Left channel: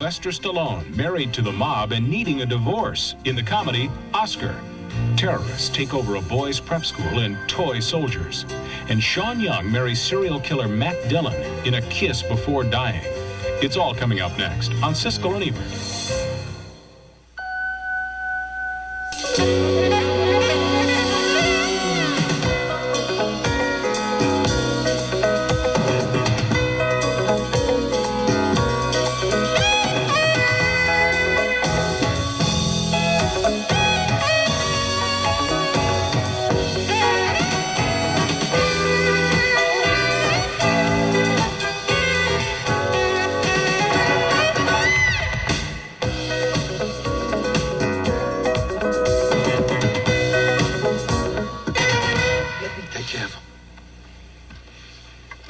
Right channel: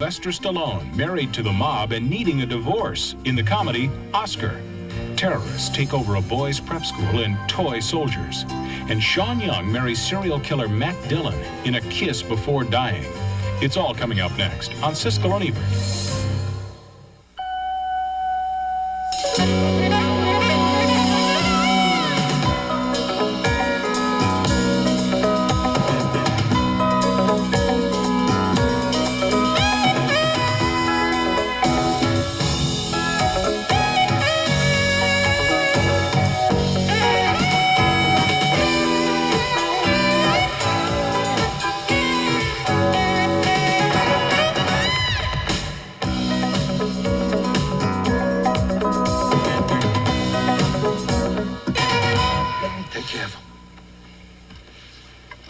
Sylvester Stallone, married to the mob and needing a divorce in the comedy Oscar. Terrorists take over a boys' prep school in Toy Soldiers. And Sean Young marries serial killer Matt Dillon in A Kiss Before Dying. It's all coming up next on Siskel and Ebert.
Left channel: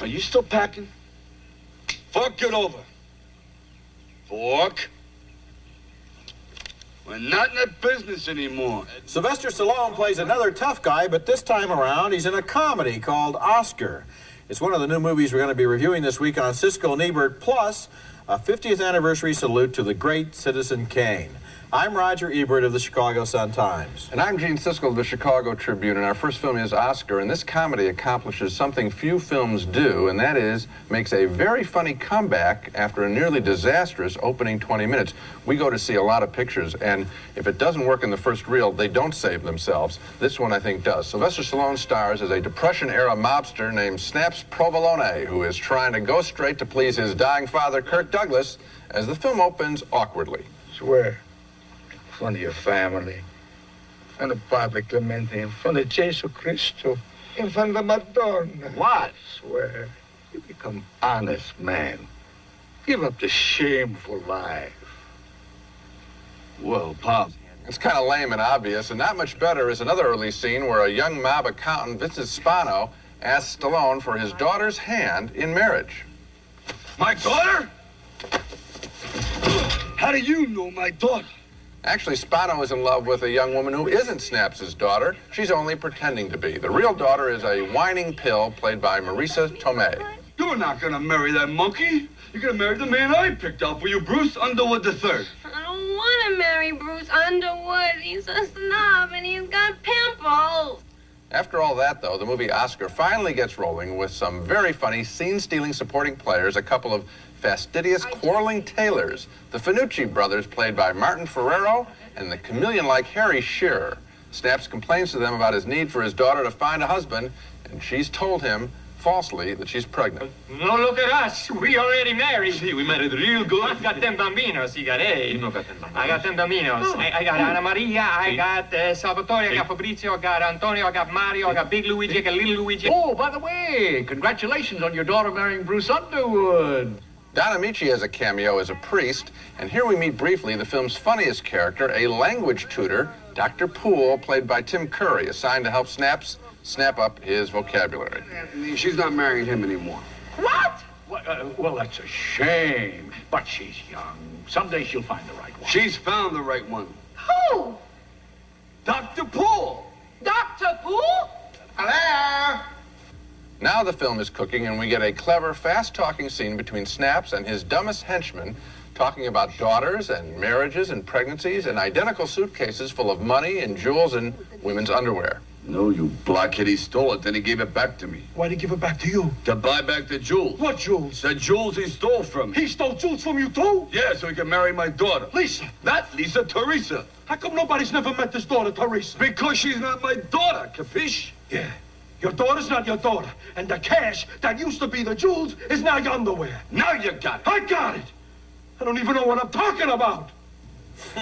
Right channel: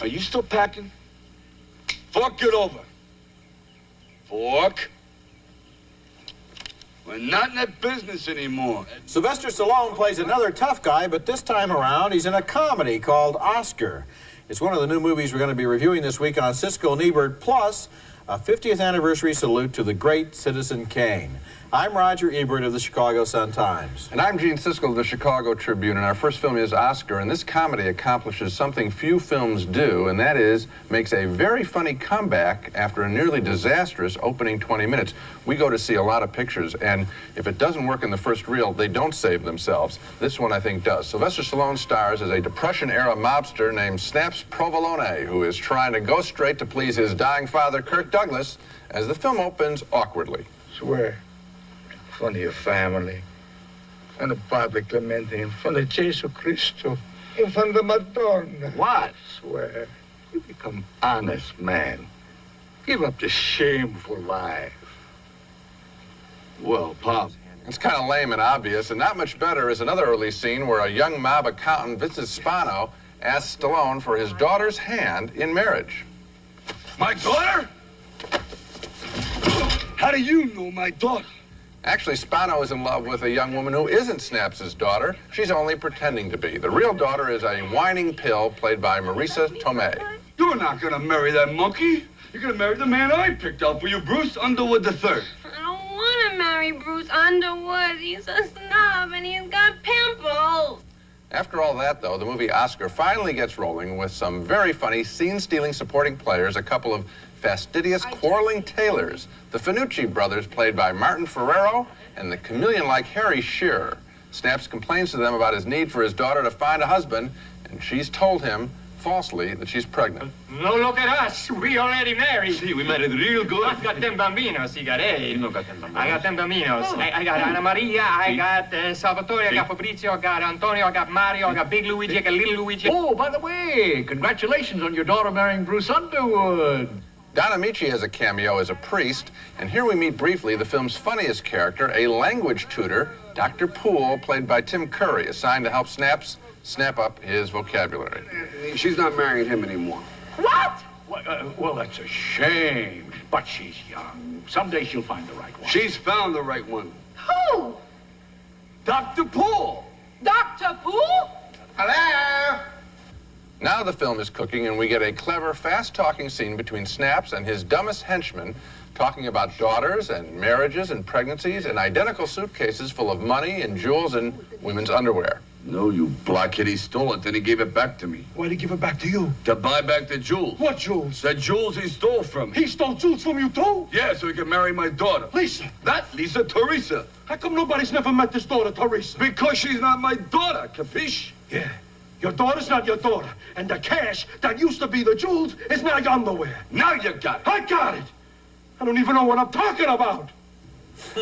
Are you still packing? Fork it over. Fork. We're not in that business anymore. Sylvester Stallone plays another tough guy, but this time around he's in a comedy called Oscar. It's one of the new movies we're going to be reviewing this week on Siskel and Ebert, plus a 50th anniversary salute to the great Citizen Kane. I'm Roger Ebert of the Chicago Sun-Times. And I'm Gene Siskel of the Chicago Tribune, and our first film is Oscar, and this comedy accomplishes something few films do, and that is makes a very funny comeback after a nearly disastrous opening 20 minutes. We go to see a lot of pictures, and if it doesn't work in the first reel, they don't save themselves. This one, I think, does. Sylvester Stallone stars as a Depression-era mobster named Snaps Provolone, who is trying to go straight to please his dying father, Kirk Douglas, as the film opens awkwardly. Swear. In front of your family, in front of Padre Clemente, in front of Jesus Cristo, in front of the Madonna. What? Swear, you become honest man. Give up the shameful life. Well, Pop. It's kind of lame and obvious, and not much better is another early scene where a young mob accountant, Vincent Spano, asks Stallone for his daughter's hand in marriage. My daughter? How do you know my daughter? Actually, Spano is in love with a young woman who isn't Snaps' daughter. She's only pretending to be. The real daughter is a whining pill played by Marisa Tomei. You're not gonna marry that monkey. You're gonna marry the man I picked out for you, Bruce Underwood III. I don't want to marry Bruce Underwood. He's a snob and he's got pimples. After all that, though, the movie Oscar finally gets rolling with some very funny scene-stealing supporting players, a couple of fastidious, quarreling tailors, the Finucci brothers, played by Martin Ferrero, and the chameleon-like Harry Shearer. Snaps complains to them about his need for his daughter to find a husband, and she's told him, falsely, that she's pregnant. No, look at us. We already married. See, we married real good. I've got 10 bambinos. You got 8. You don't got 10 bambinos. I got 10 bambinos. Oh. I got Anna Maria. I got Salvatore. I got Fabrizio. I got Antonio. I got Mario. I got Big Luigi. I got Little Luigi. Oh, by the way, congratulations on your daughter marrying Bruce Underwood. Don Amici has a cameo as a priest, and here we meet briefly the film's funniest character, a language tutor, Dr. Poole, played by Tim Curry, assigned to help Snaps snap up his vocabulary. She's not marrying him anymore. What? Well, that's a shame. But she's young. Someday she'll find the right one. She's found the right one. Who? Dr. Poole. Dr. Poole? Hello? Now the film is cooking, and we get a clever, fast-talking scene between Snaps and his dumbest henchman, talking about daughters and marriages and pregnancies and identical suitcases full of money and jewels and women's underwear. No, you blockhead. He stole it, then he gave it back to me. Why'd he give it back to you? To buy back the jewels. What jewels? The jewels he stole from me. He stole jewels from you, too? Yeah, so he could marry my daughter. Lisa. Not Lisa, Teresa. How come nobody's never met this daughter, Teresa? Because she's not my daughter, capiche? Yeah. Your daughter's not your daughter. And the cash that used to be the jewels is now your underwear. Now you got it. I got it. I don't even know what I'm talking about.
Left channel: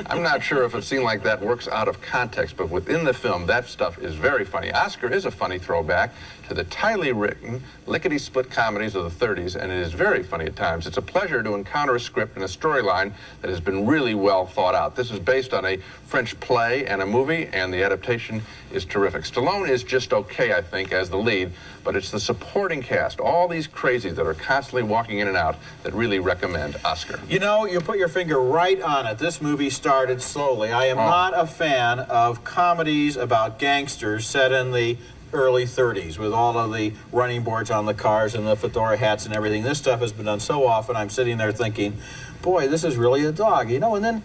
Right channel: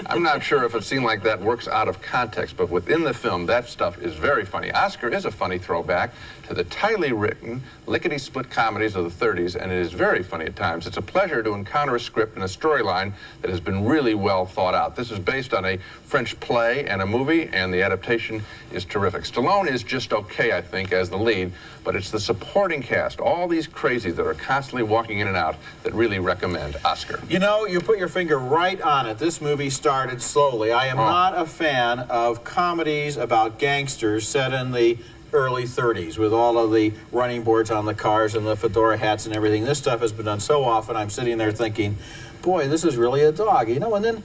I'm not sure if a scene like that works out of context, but within the film, that stuff is very funny. Oscar is a funny throwback to the tightly written, lickety-split comedies of the 30s, and it is very funny at times. It's a pleasure to encounter a script and a storyline that has been really well thought out. This is based on a French play and a movie, and the adaptation is terrific. Stallone is just okay, I think, as the lead, but it's the supporting cast, all these crazies that are constantly walking in and out, that really recommend Oscar. You know, you put your finger right on it. This movie started slowly. I am not a fan of comedies about gangsters set in the early 30s with all of the running boards on the cars and the fedora hats and everything. This stuff has been done so often, I'm sitting there thinking, boy, this is really a dog, you know, and then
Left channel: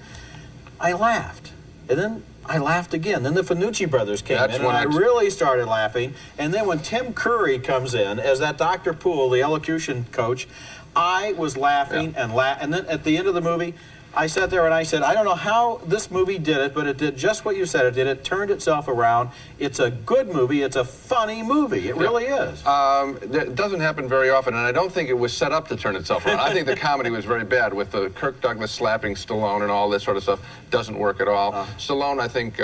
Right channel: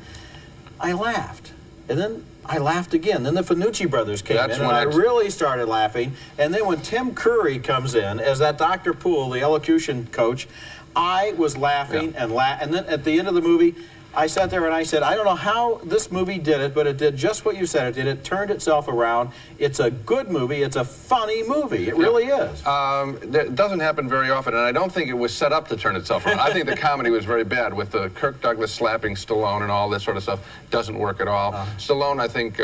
I laughed. And then I laughed again. Then the Finucci brothers came in, and I really started laughing. And then when Tim Curry comes in as that Dr. Poole, the elocution coach, I was laughing and then at the end of the movie, I sat there and I said, I don't know how this movie did it, but it did just what you said it did. It turned itself around. It's a good movie. It's a funny movie. It really is. It doesn't happen very often, and I don't think it was set up to turn itself around. I think the comedy was very bad with the Kirk Douglas slapping Stallone and all this sort of stuff. Doesn't work at all. Stallone, I think,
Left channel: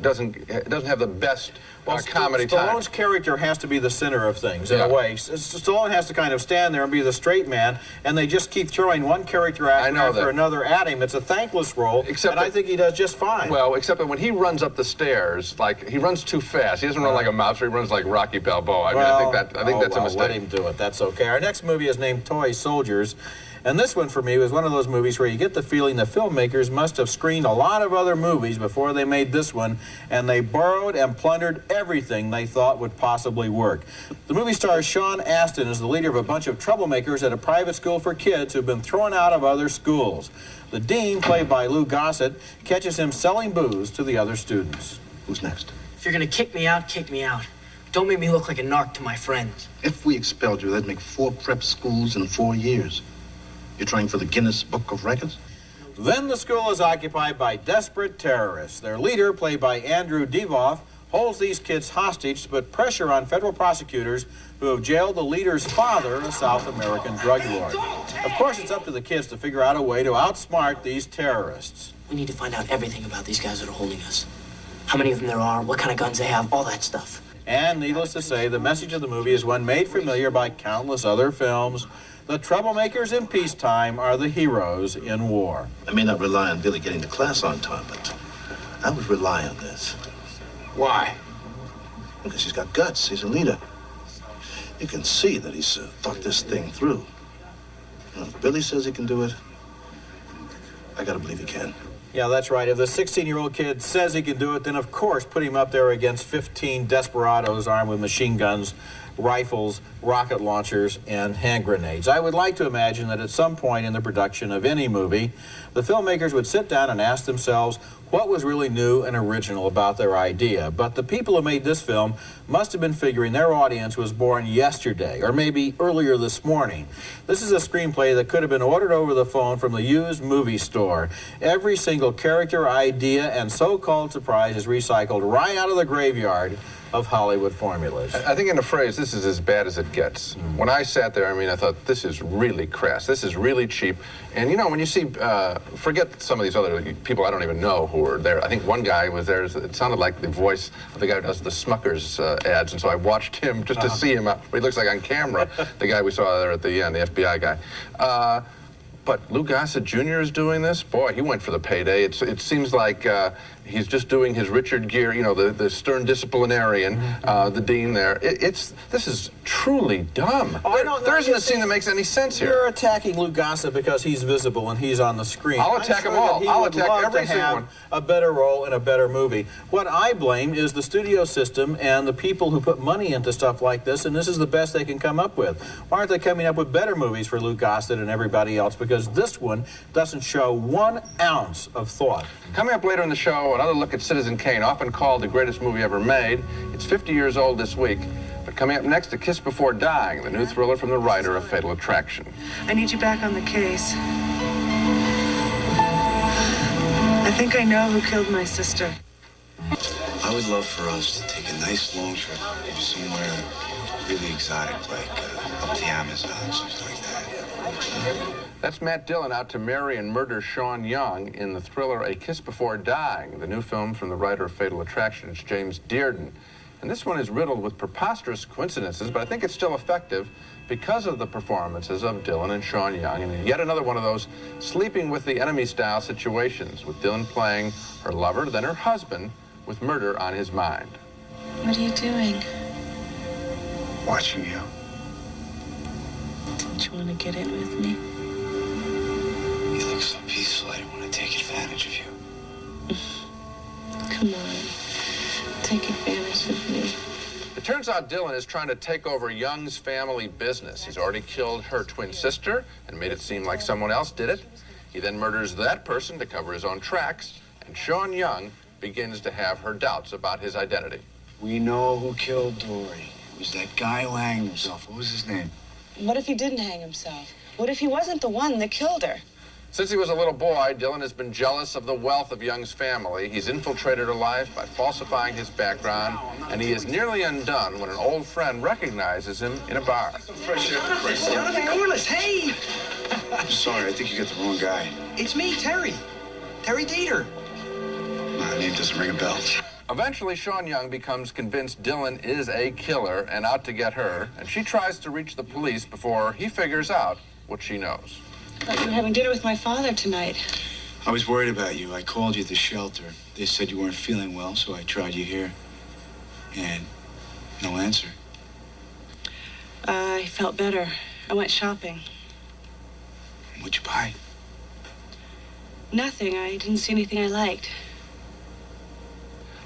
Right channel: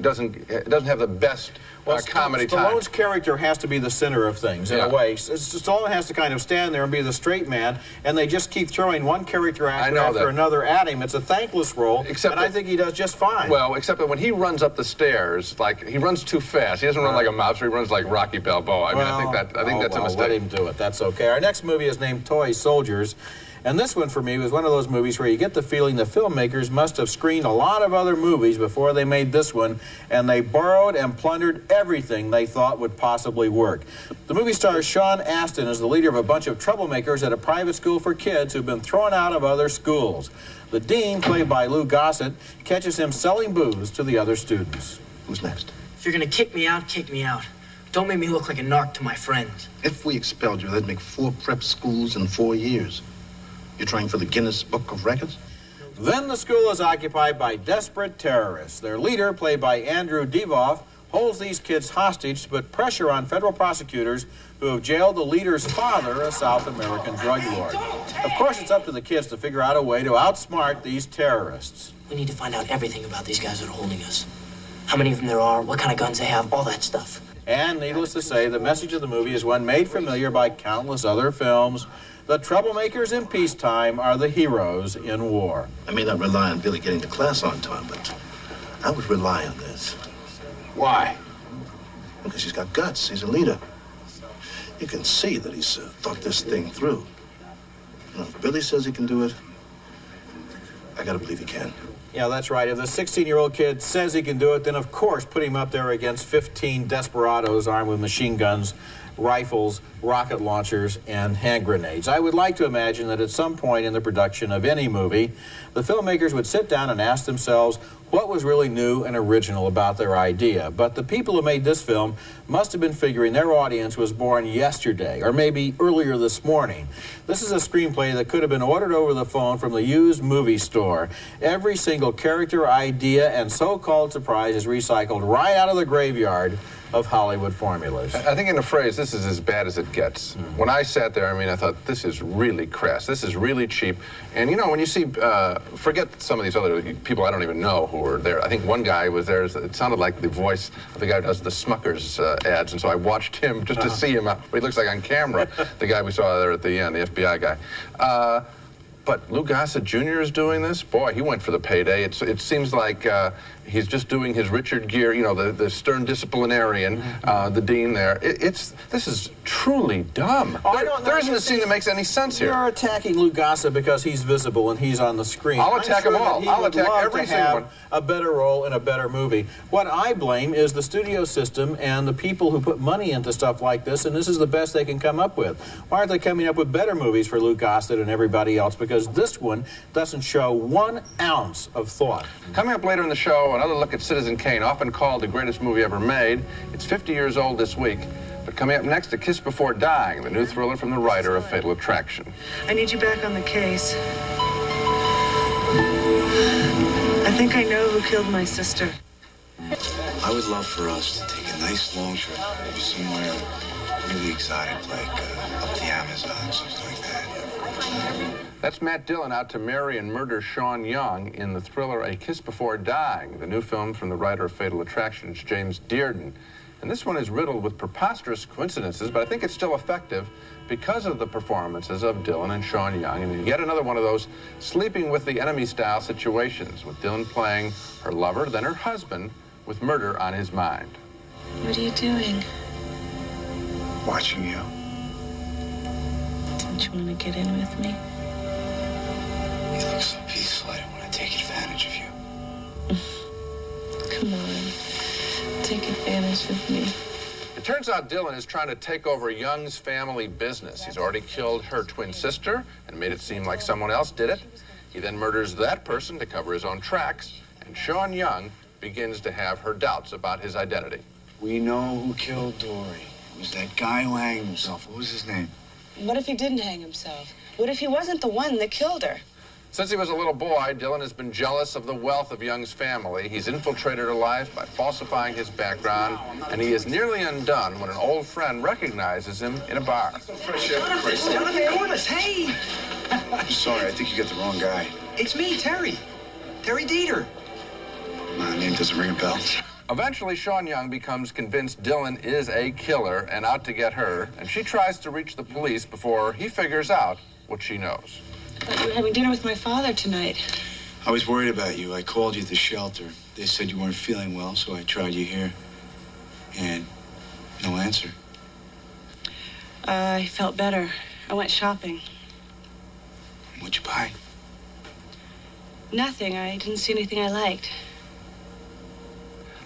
doesn't have the best comedy time. Stallone's character has to be the center of things, in a way. Stallone has to kind of stand there and be the straight man, and they just keep throwing one character after another at him. It's a thankless role, and I think he does just fine. Well, except that when he runs up the stairs, like, he runs too fast. He doesn't run like a mobster. He runs like Rocky Balboa. I mean, I think that's a mistake. Let him do it. That's okay. Our next movie is named Toy Soldiers. And this one, for me, was one of those movies where you get the feeling the filmmakers must have screened a lot of other movies before they made this one, and they borrowed and plundered everything they thought would possibly work. The movie stars Sean Astin as the leader of a bunch of troublemakers at a private school for kids who've been thrown out of other schools. The dean, played by Lou Gossett, catches him selling booze to the other students. Who's next? If you're gonna kick me out, kick me out. Don't make me look like a narc to my friends. If we expelled you, that'd make 4 prep schools in 4 years. You're trying for the Guinness Book of Records? Then the school is occupied by desperate terrorists. Their leader, played by Andrew Divoff, holds these kids hostage to put pressure on federal prosecutors who have jailed the leader's father, a South American drug lord. Of course, it's up to the kids to figure out a way to outsmart these terrorists. We need to find out everything about these guys that are holding us. How many of them there are, what kind of guns they have, all that stuff. And needless to say, the message of the movie is one made familiar by countless other films. The troublemakers in peacetime are the heroes in war. I may not rely on Billy getting to class on time, but I would rely on this. Why? Because he's got guts. He's a leader. You can see that he's thought this thing through. You know, if Billy says he can do it, I gotta believe he can. Yeah, that's right. If the 16-year-old kid says he can do it, then of course put him up there against 15 desperados armed with machine guns, rifles, rocket launchers, and hand grenades. I would like to imagine that at some point in the production of any movie, the filmmakers would sit down and ask themselves what was really new and original about their idea. But the people who made this film must have been figuring their audience was born yesterday, or maybe earlier this morning. This is a screenplay that could have been ordered over the phone from the used movie store. Every single character, idea, and so-called surprise is recycled right out of the graveyard of Hollywood formulas. I think in a phrase, this is as bad as it gets. When I sat there, I mean, I thought, this is really crass. This is really cheap. And, you know, when you see, forget some of these other people I don't even know who were there. I think one guy was there, it sounded like the voice of the guy who does the Smuckers ads, and so I watched him just to see him, what he looks like on camera, the guy we saw there at the end, the FBI guy. But Lou Gossett Jr. is doing this? Boy, he went for the payday. It seems like he's just doing his Richard Gere, you know, the stern disciplinarian, the dean there. This is truly dumb. There isn't a scene that makes any sense here. You're attacking Lou Gossett because he's visible and he's on the screen. I'll attack them all. I'll attack every single one. A better role in a better movie. What I blame is the studio system and the people who put money into stuff like this, and this is the best they can come up with. Why aren't they coming up with better movies for Lou Gossett and everybody else? Because this one doesn't show 1 ounce of thought. Coming up later in the show, another look at Citizen Kane, often called the greatest movie ever made. It's 50 years old this week. But coming up next, A Kiss Before Dying, the new thriller from the writer of Fatal Attraction. I need you back on the case. I think I know who killed my sister. I would love for us to take a nice long trip, maybe somewhere really exotic, like up the Amazon, something like that. That's Matt Dillon out to marry and murder Sean Young in the thriller A Kiss Before Dying, the new film from the writer of Fatal Attraction. It's James Dearden. And this one is riddled with preposterous coincidences, but I think it's still effective because of the performances of Dillon and Sean Young, and yet another one of those sleeping with the enemy style situations, with Dillon playing her lover, then her husband, with murder on his mind. What are you doing? Watching you. Don't you want to get in with me? You look so peaceful, I don't want to take advantage of you. Come on. Take advantage of me. It turns out Dylan is trying to take over Young's family business. He's already killed her twin sister and made it seem like someone else did it. He then murders that person to cover his own tracks, and Sean Young begins to have her doubts about his identity. We know who killed Dory. It was that guy who hanged himself. What was his name? What if he didn't hang himself? What if he wasn't the one that killed her? Since he was a little boy, Dylan has been jealous of the wealth of Young's family. He's infiltrated her life by falsifying his background, and he is nearly undone when an old friend recognizes him in a bar. Jonathan Corliss, hey! I'm sorry, I think you got the wrong guy. It's me, Terry. Terry Dieter. My name doesn't ring a bell. Eventually, Sean Young becomes convinced Dylan is a killer and out to get her, and she tries to reach the police before he figures out what she knows. I thought you were having dinner with my father tonight. I was worried about you. I called you at the shelter. They said you weren't feeling well, so I tried you here. And no answer. I felt better. I went shopping. What'd you buy? Nothing. I didn't see anything I liked.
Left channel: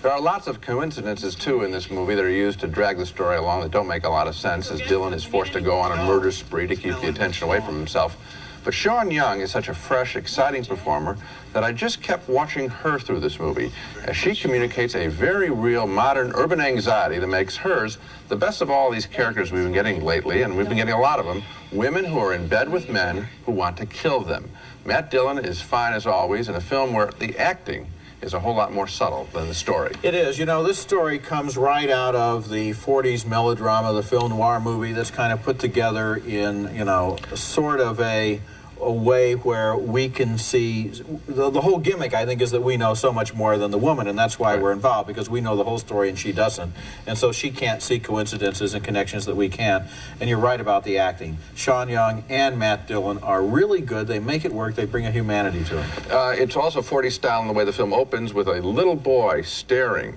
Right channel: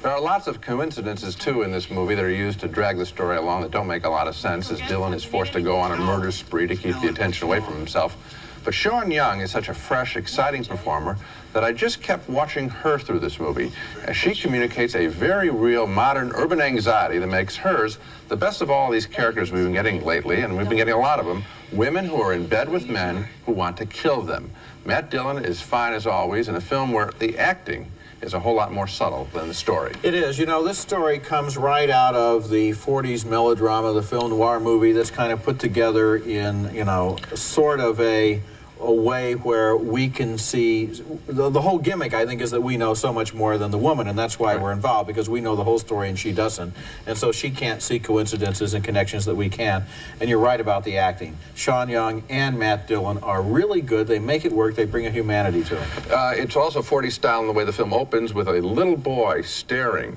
There are lots of coincidences, too, in this movie that are used to drag the story along that don't make a lot of sense, as Dylan is forced to go on a murder spree to keep the attention away from himself. But Sean Young is such a fresh, exciting performer that I just kept watching her through this movie as she communicates a very real modern urban anxiety that makes hers the best of all these characters we've been getting lately, and we've been getting a lot of them, women who are in bed with men who want to kill them. Matt Dillon is fine as always in a film where the acting is a whole lot more subtle than the story. It is. You know, this story comes right out of the 40s melodrama, the film noir movie that's kind of put together in, you know, sort of a way where we can see the whole gimmick, I think, is that we know so much more than the woman, and that's why we're involved, because we know the whole story and she doesn't, and so she can't see coincidences and connections that we can. And you're right about the acting. Sean Young and Matt Dillon are really good. They make it work. They bring a humanity to it. It's also 40s style in the way the film opens with a little boy staring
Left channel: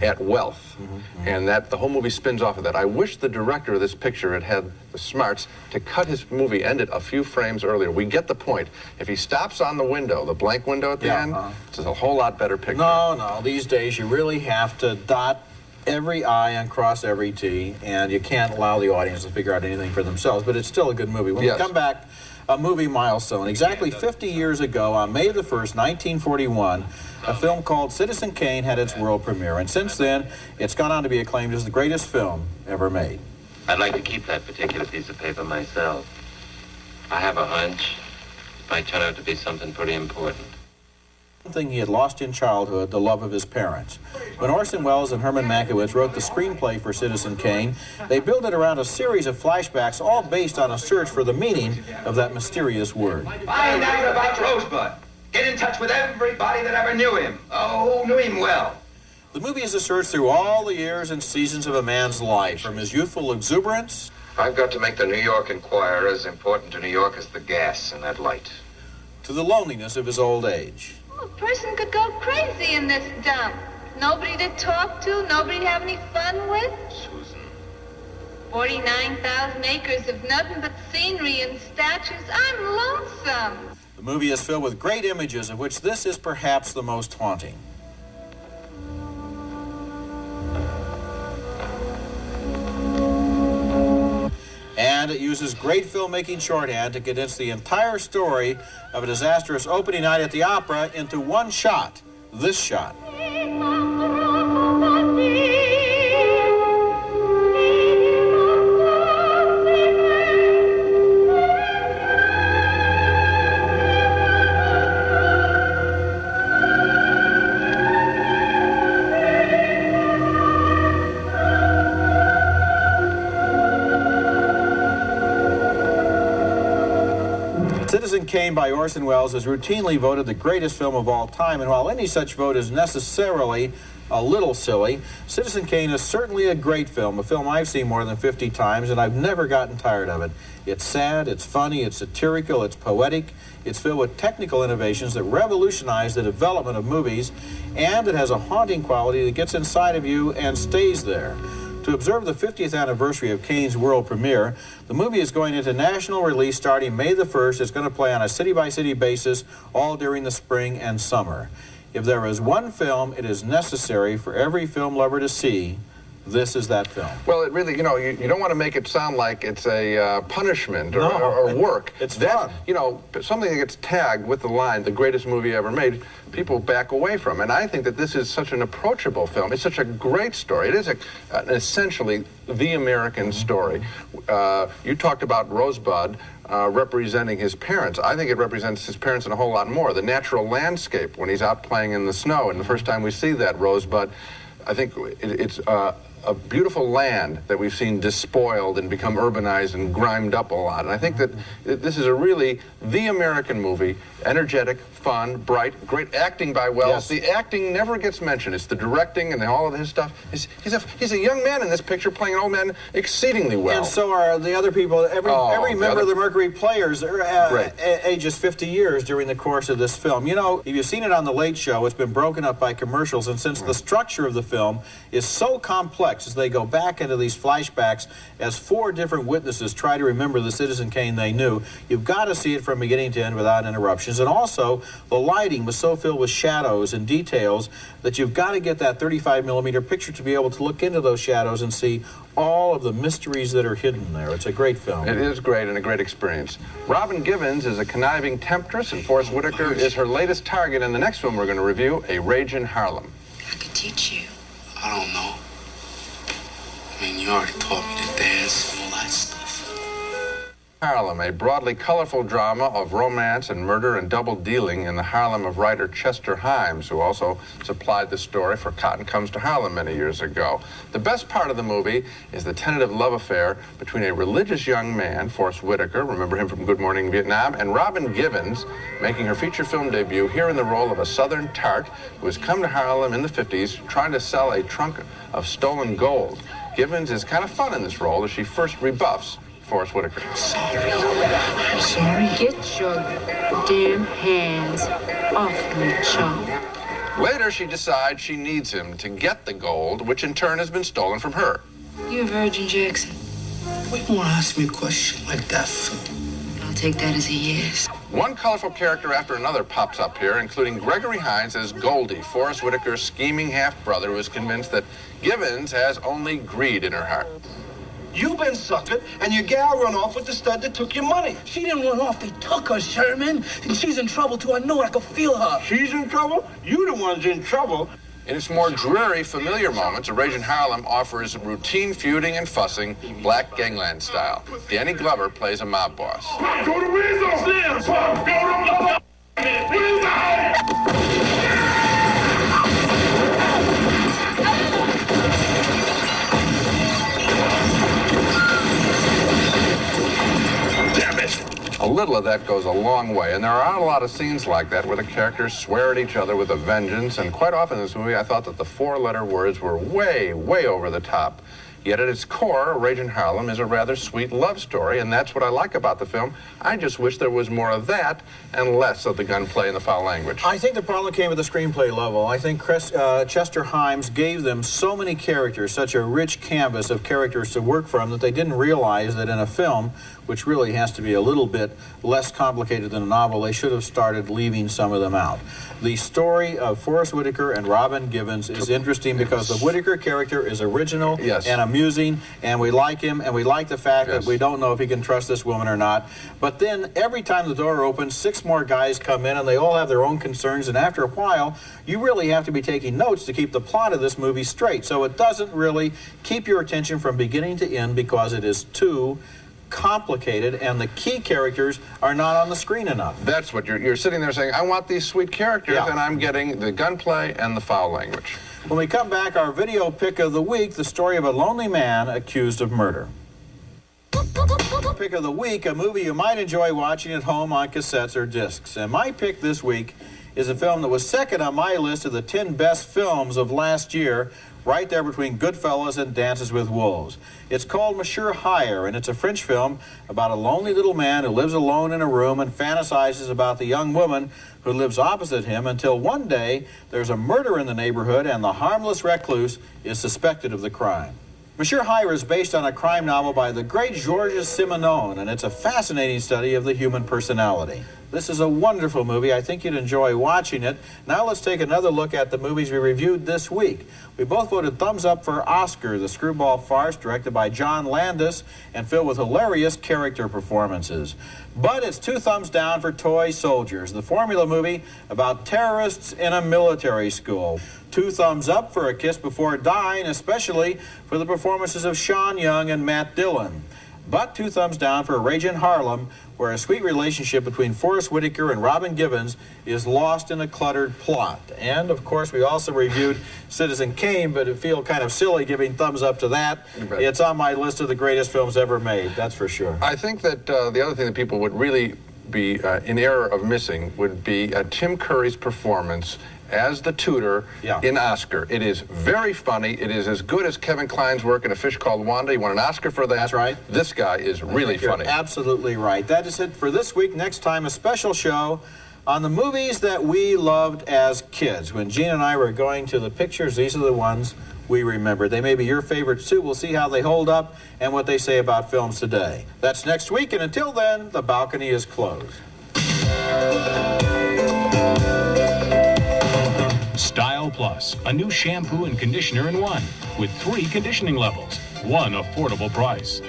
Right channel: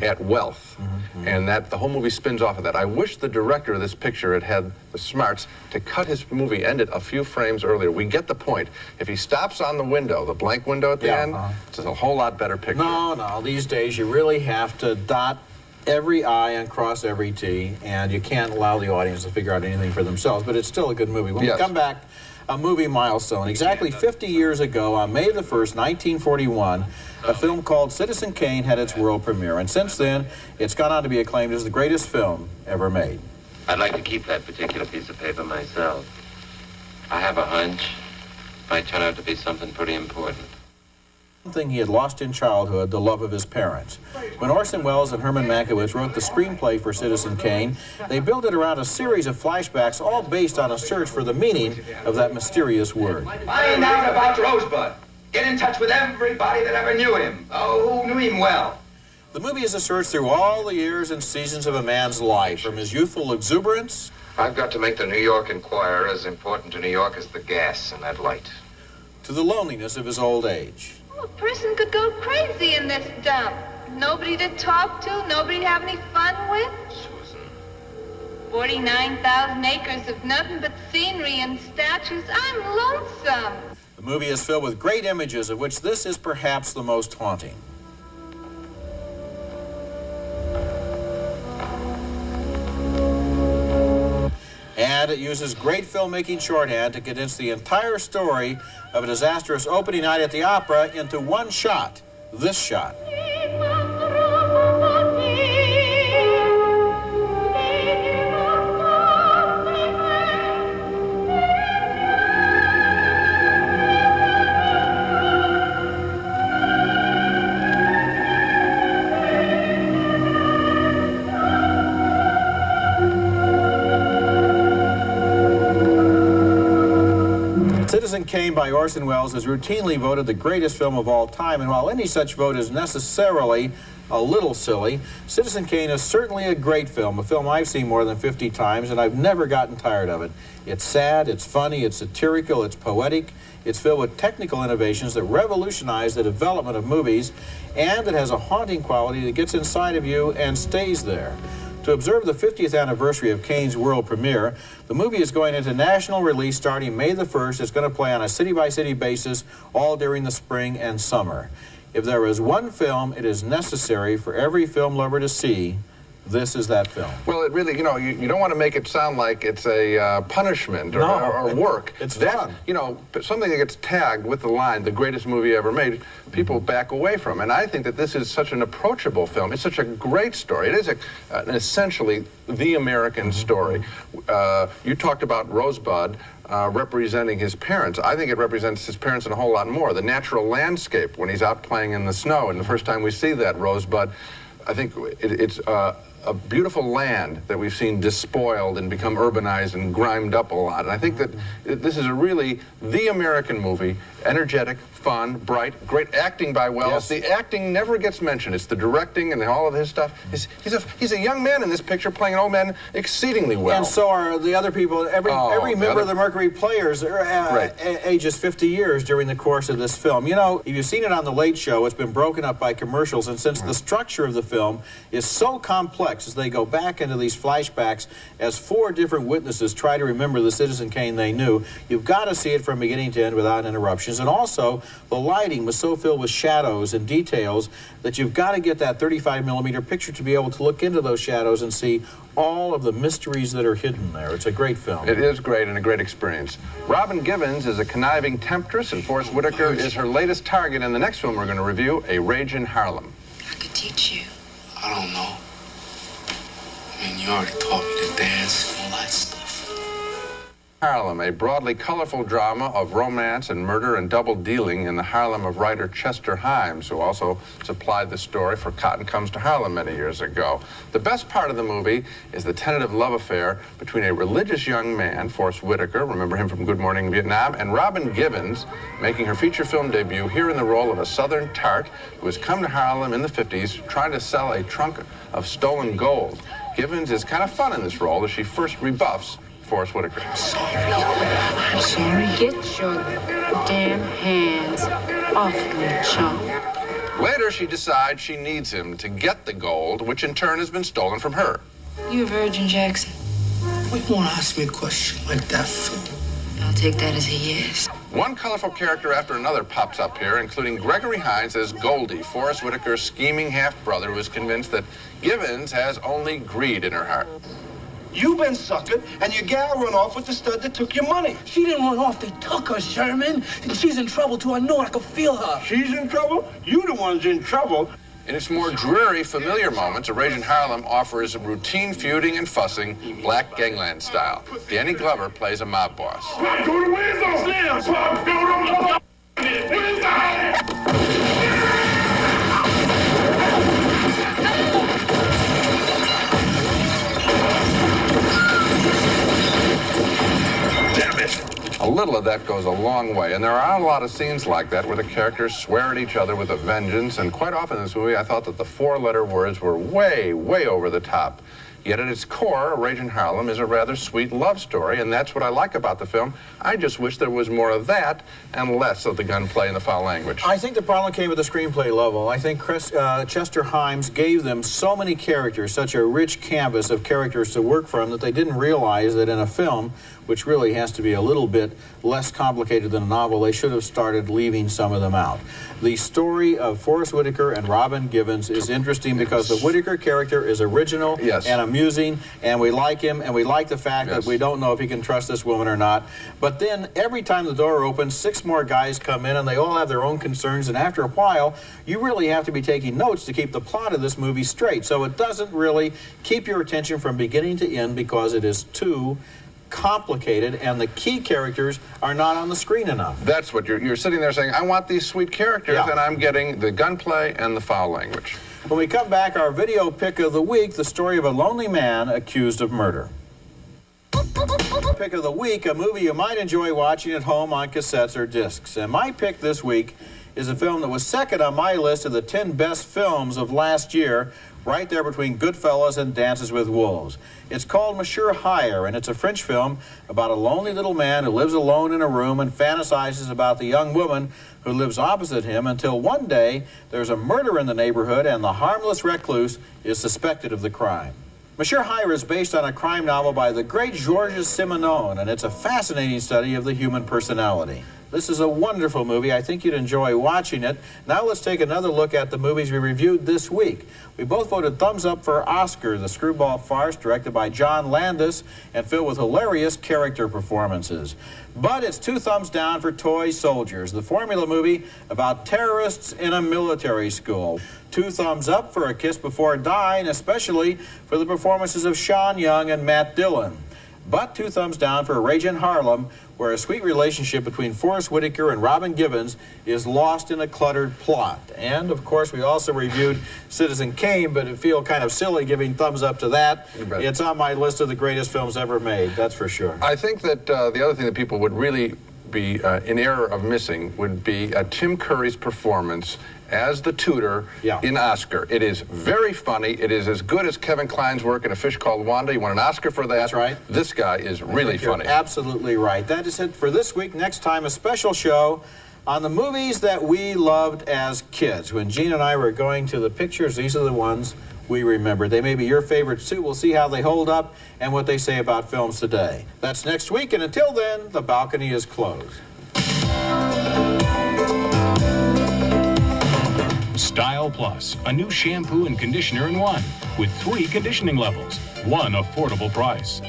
at wealth, and that the whole movie spins off of that. I wish the director of this picture had the smarts to cut his movie, end it a few frames earlier. We get the point. If he stops on the window, the blank window at the end, it's a whole lot better picture. No, these days you really have to dot every I and cross every T, and you can't allow the audience to figure out anything for themselves, but it's still a good movie. When we come back, a movie milestone. Exactly 50 years ago, on May the 1st, 1941, a film called Citizen Kane had its world premiere, and since then, it's gone on to be acclaimed as the greatest film ever made. I'd like to keep that particular piece of paper myself. I have a hunch it might turn out to be something pretty important. Something he had lost in childhood, the love of his parents. When Orson Welles and Herman Mankiewicz wrote the screenplay for Citizen Kane, they built it around a series of flashbacks, all based on a search for the meaning of that mysterious word. Find out about Rosebud. Get in touch with everybody that ever knew him. Oh, who knew him well. The movie is a search through all the years and seasons of a man's life, from his youthful exuberance. I've got to make the New York Enquirer as important to New York as the gas in that light. To the loneliness of his old age. A person could go crazy in this dump. Nobody to talk to, nobody to have any fun with. Susan. 49,000 acres of nothing but scenery and statues. I'm lonesome. The movie is filled with great images, of which this is perhaps the most haunting. And it uses great filmmaking shorthand to condense the entire story of a disastrous opening night at the opera into one shot, this shot. Citizen Kane by Orson Welles is routinely voted the greatest film of all time, and while any such vote is necessarily a little silly, Citizen Kane is certainly a great film, a film I've seen more than 50 times, and I've never gotten tired of it. It's sad, it's funny, it's satirical, it's poetic, it's filled with technical innovations that revolutionize the development of movies, and it has a haunting quality that gets inside of you and stays there. To observe the 50th anniversary of Kane's world premiere, the movie is going into national release starting May the 1st. It's going to play on a city-by-city basis all during the spring and summer. If there is one film it is necessary for every film lover to see, this is that film. Well, it really, you know, you don't want to make it sound like it's a punishment or work. It's fun. You know, something that gets tagged with the line, the greatest movie ever made, people back away from. And I think that this is such an approachable film. It's such a great story. It is essentially the American story. You talked about Rosebud representing his parents. I think it represents his parents and a whole lot more. The natural landscape when he's out playing in the snow, and the first time we see that Rosebud, I think it's a beautiful land that we've seen despoiled and become urbanized and grimed up a lot. And I think that this is really the American movie, energetic, fun, bright, great acting by Wells. Yes. The acting never gets mentioned. It's the directing and all of his stuff. He's a young man in this picture playing an old man exceedingly well. And so are the other people. Every member of the Mercury Players are ages 50 years during the course of this film. You know, if you've seen it on The Late Show, it's been broken up by commercials, and since the structure of the film is so complex as they go back into these flashbacks as 4 different witnesses try to remember the Citizen Kane they knew, you've got to see it from beginning to end without interruptions. And also, the lighting was so filled with shadows and details that you've got to get that 35mm picture to be able to look into those shadows and see all of the mysteries that are hidden there. It's a great film. It is great and a great experience. Robin Givens is a conniving temptress, and Forrest Whitaker is her latest target in the next film we're going to review, A Rage in Harlem. I could teach you. I don't know. I mean, you already taught me to dance and all that stuff. Harlem, a broadly colorful drama of romance and murder and double dealing in the Harlem of writer Chester Himes, who also supplied the story for Cotton Comes to Harlem many years ago. The best part of the movie is the tentative love affair between a religious young man, Forrest Whitaker, remember him from Good Morning Vietnam, and Robin Givens, making her feature film debut here in the role of a Southern tart who has come to Harlem in the 50s trying to sell a trunk of stolen gold. Givens is kind of fun in this role as she first rebuffs Forrest Whitaker. I'm sorry. Get your damn hands off me, chump. Later, she decides she needs him to get the gold, which in turn has been stolen from her. You a virgin, Jackson? Why you want to ask me a question like that for? I'll take that as a yes. One colorful character after another pops up here, including Gregory Hines as Goldie, Forrest Whitaker's scheming half-brother who is convinced that Givens has only greed in her heart. You've been suckered, and your gal run off with the stud that took your money. She didn't run off. They took her, Sherman. And she's in trouble, too. I know it. I can feel her. She's in trouble? You the one's in trouble. In its more dreary, familiar moments, A Rage in Harlem offers routine feuding and fussing, black gangland style. Danny Glover plays a mob boss. Pop, go to Weasel! Slim! Pop, go to Weasel! A little of that goes a long way, and there are a lot of scenes like that where the characters swear at each other with a vengeance, and quite often in this movie I thought that the 4-letter words were way, way over the top. Yet at its core, A Rage in Harlem is a rather sweet love story, and that's what I like about the film. I just wish there was more of that and less of the gunplay and the foul language. I think the problem came at the screenplay level. I think Chester Himes gave them so many characters, such a rich canvas of characters to work from, that they didn't realize that in a film, which really has to be a little bit less complicated than a novel, they should have started leaving some of them out. The story of Forrest Whitaker and Robin Givens is interesting because the Whitaker character is original and amusing, and we like him, and we like the fact that we don't know if he can trust this woman or not. But then every time the door opens, 6 more guys come in, and they all have their own concerns, and after a while, you really have to be taking notes to keep the plot of this movie straight. So it doesn't really keep your attention from beginning to end because it is too complicated, and the key characters are not on the screen enough. That's what you're sitting there saying, I want these sweet characters, and I'm getting the gunplay and the foul language. When we come back, our video pick of the week, the story of a lonely man accused of murder. Pick of the week, a movie you might enjoy watching at home on cassettes or discs. And my pick this week is a film that was second on my list of the 10 best films of last year, right there between Goodfellas and Dances with Wolves. It's called Monsieur Hire, and it's a French film about a lonely little man who lives alone in a room and fantasizes about the young woman who lives opposite him until one day there's a murder in the neighborhood and the harmless recluse is suspected of the crime. Monsieur Hire is based on a crime novel by the great Georges Simenon, and it's a fascinating study of the human personality. This is a wonderful movie. I think you'd enjoy watching it. Now let's take another look at the movies we reviewed this week. We both voted thumbs up for Oscar, the screwball farce directed by John Landis and filled with hilarious character performances. But it's 2 thumbs down for Toy Soldiers, the formula movie about terrorists in a military school. 2 thumbs up for A Kiss Before Dying, especially for the performances of Sean Young and Matt Dillon. But 2 thumbs down for Rage in Harlem, where a sweet relationship between Forrest Whitaker and Robin Givens is lost in a cluttered plot. And, of course, we also reviewed Citizen Kane, but it feels kind of silly giving thumbs up to that. It's on my list of the greatest films ever made, that's for sure. I think that the other thing that people would really be in error of missing would be Tim Curry's performance as the tutor in Oscar. It is very funny. It is as good as Kevin Kline's work in A Fish Called Wanda. He won an Oscar for that. That's right. This guy is really funny. You're absolutely right. That is it for this week. Next time, a special show on the movies that we loved as kids. When Gene and I were going to the pictures, these are the ones we remember. They may be your favorites too. We'll see how they hold up and what they say about films today. That's next week, and until then, the balcony is closed. Style Plus, a new shampoo and conditioner in one, with 3 conditioning levels, 1 affordable price.